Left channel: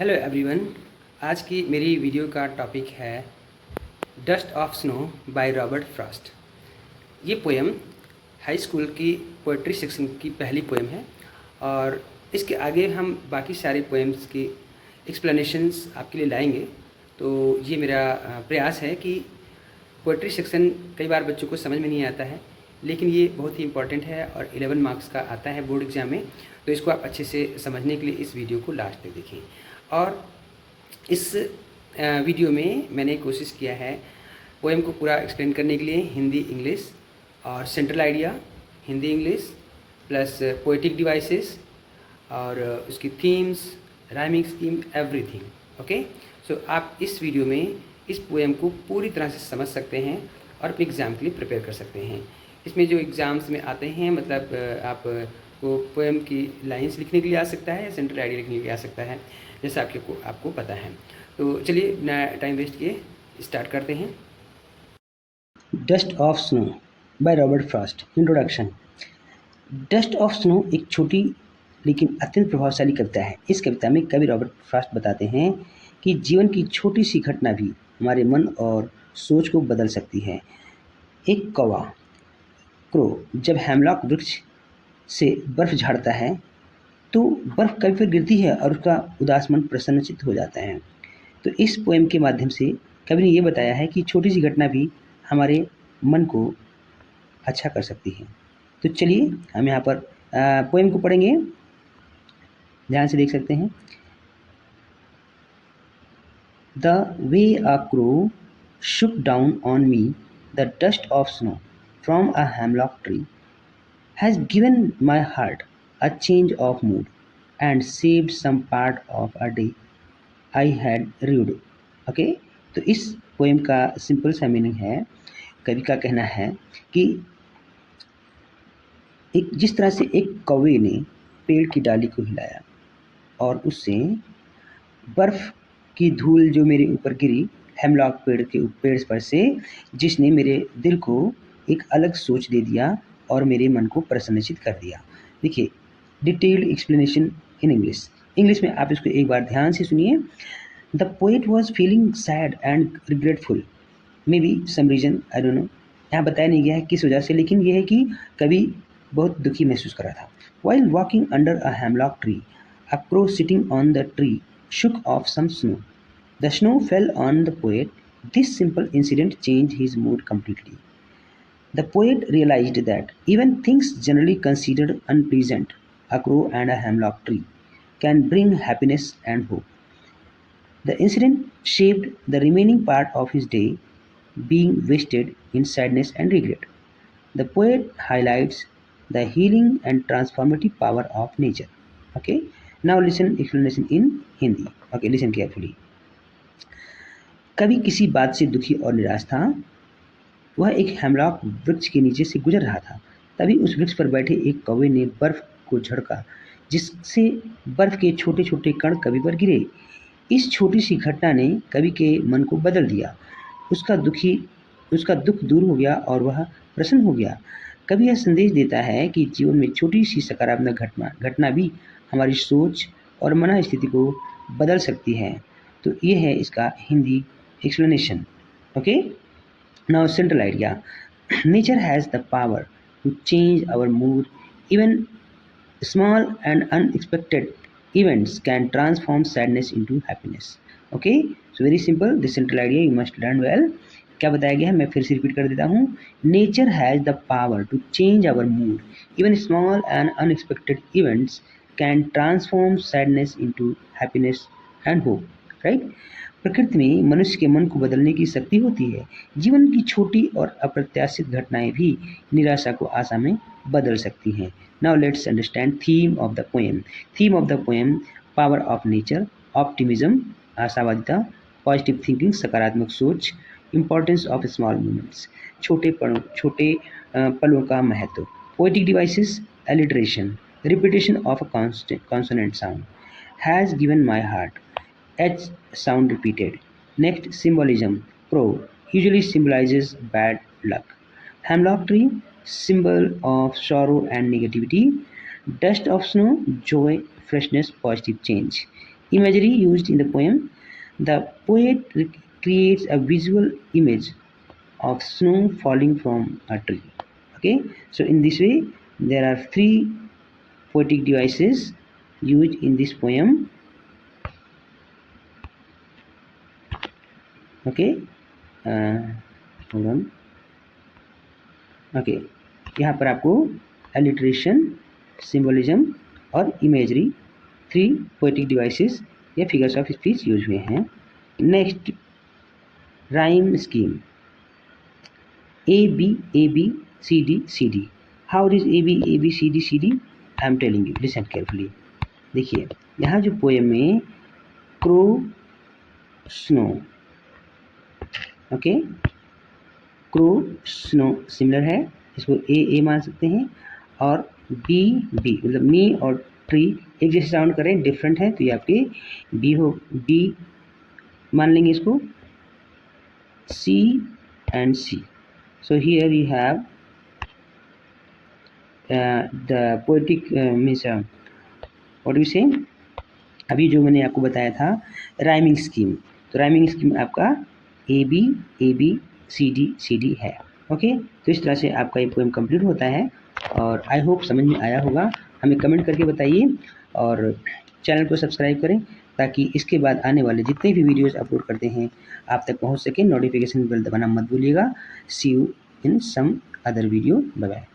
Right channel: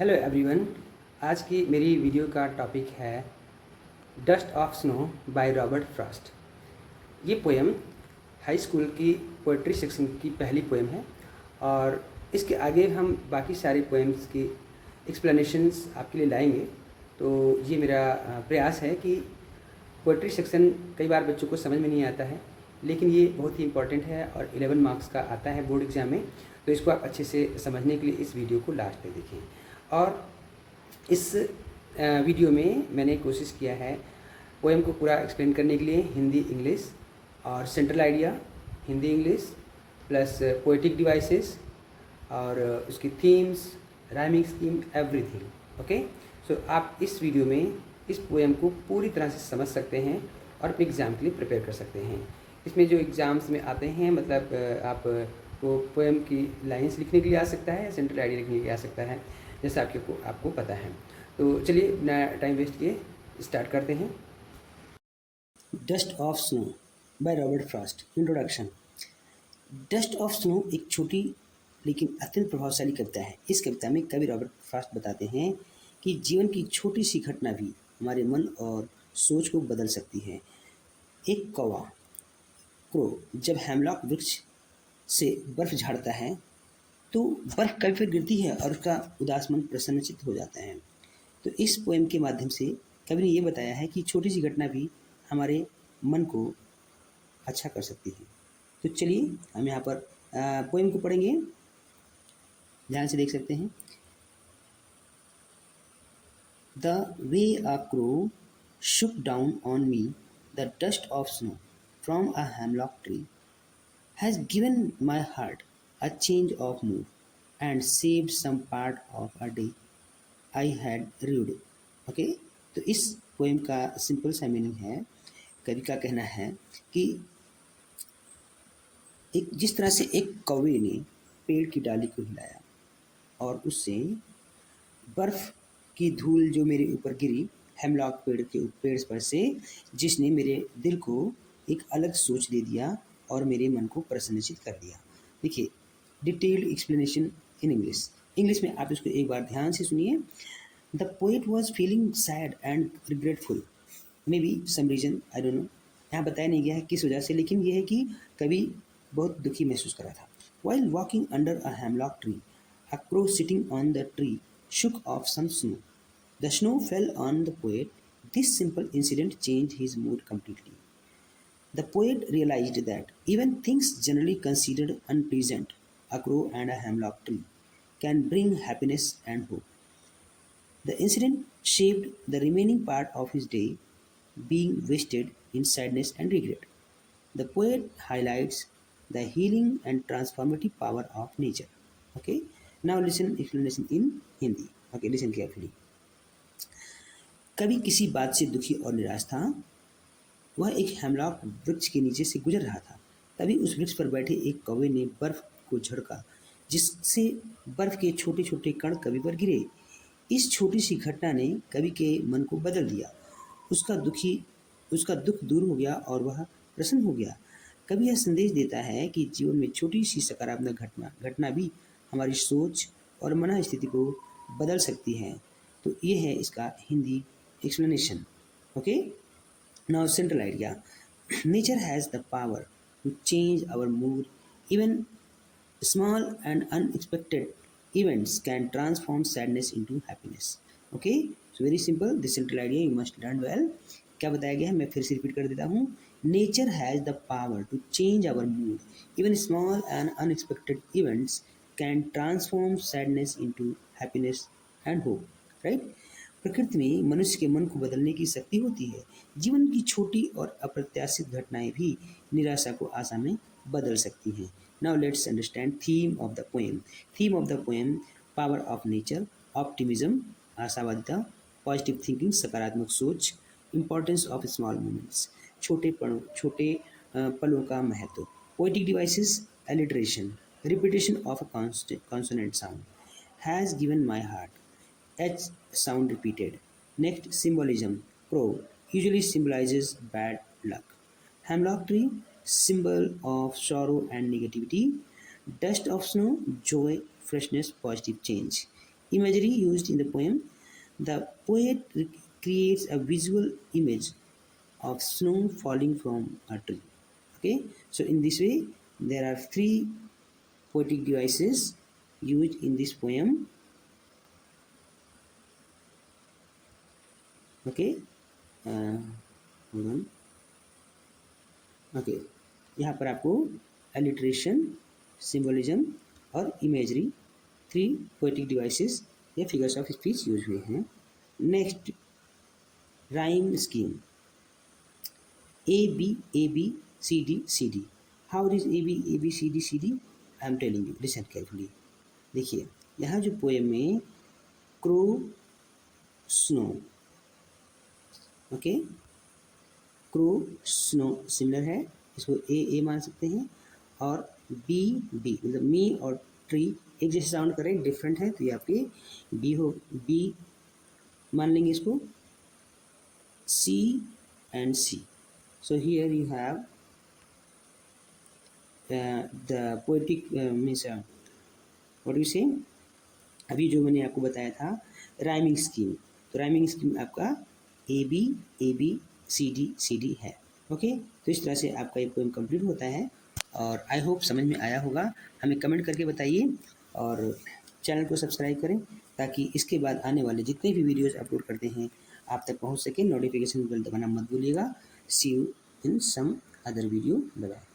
Hello everyone. आज की मेरी वीडियो का टॉपिक है dust of snow by Robert Frost. ये पोएम हाई स्कूल की पोइट्री सेक्शन की पहली पोएम है और इसके आगे हम बाकी सारे पोएम्स की एक्सप्लेनेशंस आपके लिए लाएंगे। तो ये मेरा प्रयास है कि पोइट्री सेक्शन कई बार बच्चों को समझ में नहीं आता है, लेकिन ये बहुत ही इम्पॉर्टेंट है और 11 मार्क्स का आता है बोर्ड एग्ज़ाम में। तो इसको आप अच्छे से समझने के लिए इस वीडियो को लास्ट तक देखें। और इस वीडियो में मैंने कोशिश किया है पोएम को पूरा एक्सप्लेन करने के लिए हिंदी इंग्लिश और central idea Hindi English plus poetic devices और उसकी themes, rhyming scheme, everything. Okay, so आप इस वीडियो में इस पोएम को पूरी तरह से समझ सकते हैं और अपने एग्ज़ाम के लिए प्रिपेयर कर सकते हैं। इसमें जो एग्ज़ाम्स में आते हैं, मतलब आप को पोएम की लाइंस लिखने के लिए आ सकता है या सेंट्रल आइडिया लिखने के लिए आ सकता है, जैसा आपको पता है। तो चलिए बिना टाइम वेस्ट किए स्टार्ट करते हैं। Dust of snow by Robert Frost. Introduction. Dust of snow एक छोटी लेकिन अत्यंत प्रभावशाली कविता है। इस कविता में कवि रॉबर्ट फ्रॉस्ट बताते हैं कि जीवन की छोटी सी घटना भी हमारे मन और सोच को बदल सकती है। एक कौवा क्रो जब हेमलॉक वृक्ष से बर्फ झाड़ता है तो बर्फ कभी फिर गिरती है और उसका उदास मन प्रसन्नचित्त हो जाता है। तो इस पोएम के माध्यम से कवि ने ये बताया है कि छोटी सी घटना भी हमारे मन को अच्छा कर सकती है। तो चलिए हम यहाँ पर पोएम को पढ़ेंगे, ध्यान से देख सकते हैं। The way a crow shook down on me the dust of snow from a hemlock tree has given my heart a change of mood and saved some part of a day I had rued। Okay, तो इस poem का simple सा meaning है, कवि का कहना है कि एक जिस तरह से एक कौवे ने पेड़ की डाली को हिलाया और उससे बर्फ की धूल जो मेरे ऊपर गिरी हेमलॉक पेड़ पर से, जिसने मेरे दिल को एक अलग सोच दे दिया और मेरे मन को प्रसन्नचित कर दिया। देखिए, detailed explanation in English. English में आप इसको एक बार ध्यान से सुनिए। The poet was feeling sad and regretful, maybe some reason, I don't know. यहाँ बताया नहीं गया है किस वजह से, लेकिन यह है कि कवि बहुत दुखी महसूस कर रहा था। While walking under a hemlock tree, a crow sitting on the tree shook off some snow. The snow fell on the poet. This simple incident changed his mood completely. The poet realized that even things generally considered unpleasant, a crow and a hemlock tree, can bring happiness and hope. The incident shaped the remaining part of his day, being wasted in sadness and regret. The poet highlights the healing and transformative power of nature. Okay, now listen explanation in Hindi. Okay, listen carefully. कवि किसी बात से दुखी और निराश था। वह एक हेमलॉक वृक्ष के नीचे से गुजर रहा था। तभी उस वृक्ष पर बैठे एक कौवे ने बर्फ को झड़का, जिससे बर्फ के छोटे छोटे कण कवि पर गिरे। इस छोटी सी घटना ने कवि के मन को बदल दिया। उसका दुखी उसका दुख दूर हो गया और वह प्रसन्न हो गया। कवि यह संदेश देता है कि जीवन में छोटी सी सकारात्मक घटना घटना भी हमारी सोच और मन स्थिति को बदल सकती है। तो ये है इसका Hindi explanation। Okay, now central idea। nature has the power to change our mood, even small and unexpected events can transform sadness into happiness। okay, so very simple, the central idea you must learn well। क्या बताया गया है, मैं फिर से repeat कर देता हूँ। Nature has the power to change our mood, even small and unexpected events can transform sadness into happiness and hope. Right, प्रकृति में मनुष्य के मन को बदलने की शक्ति होती है। जीवन की छोटी और अप्रत्याशित घटनाएं भी निराशा को आशा में बदल सकती हैं। Now let's understand theme of the poem. Theme of the poem: power of nature, optimism, आशावादिता, पॉजिटिव थिंकिंग, सकारात्मक सोच, इम्पोर्टेंस ऑफ स्मॉल मूवमेंट्स, छोटे पलों का महत्व, poetic devices, alliteration, repetition of a consonant sound, has given my heart, H sound repeated. Next, symbolism. Crow usually symbolizes bad luck. Hemlock tree, symbol of sorrow and negativity. Dust of snow, joy, freshness, positive change. Imagery used in the poem. The poet creates a visual image of snow falling from a tree. Okay, so in this way, there are three poetic devices used in this poem. Okay, hold on. Okay, यहाँ पर आपको alliteration, symbolism और imagery, three poetic devices या figures of speech use हुए हैं। Next, rhyme scheme. A B C D. How is A B C D? I am telling you, listen carefully. देखिए, यहाँ जो पोएम में crow, snow, okay, crow, snow similar है, इसको ए मान सकते हैं, और बी मतलब मी और ट्री एक जैसे साउंड करें, डिफरेंट है, तो ये आपके बी हो, बी मान लेंगे इसको, c and c. So here you have the poetic means what you say, अभी जो मैंने आपको बताया था राइमिंग स्कीम, तो राइमिंग स्कीम आपका ए बी सी डी है। ओके, तो इस तरह से आपका ये पोएम कंप्लीट होता है, और आई होप समझ में आया होगा। हमें कमेंट करके बताइए, और चैनल को सब्सक्राइब करें ताकि इसके बाद आने वाले जितने भी वीडियोस अपलोड करते हैं आप तक पहुंच सके। नोटिफिकेशन बेल दबाना मत भूलिएगा। See you in some other video. Bye bye.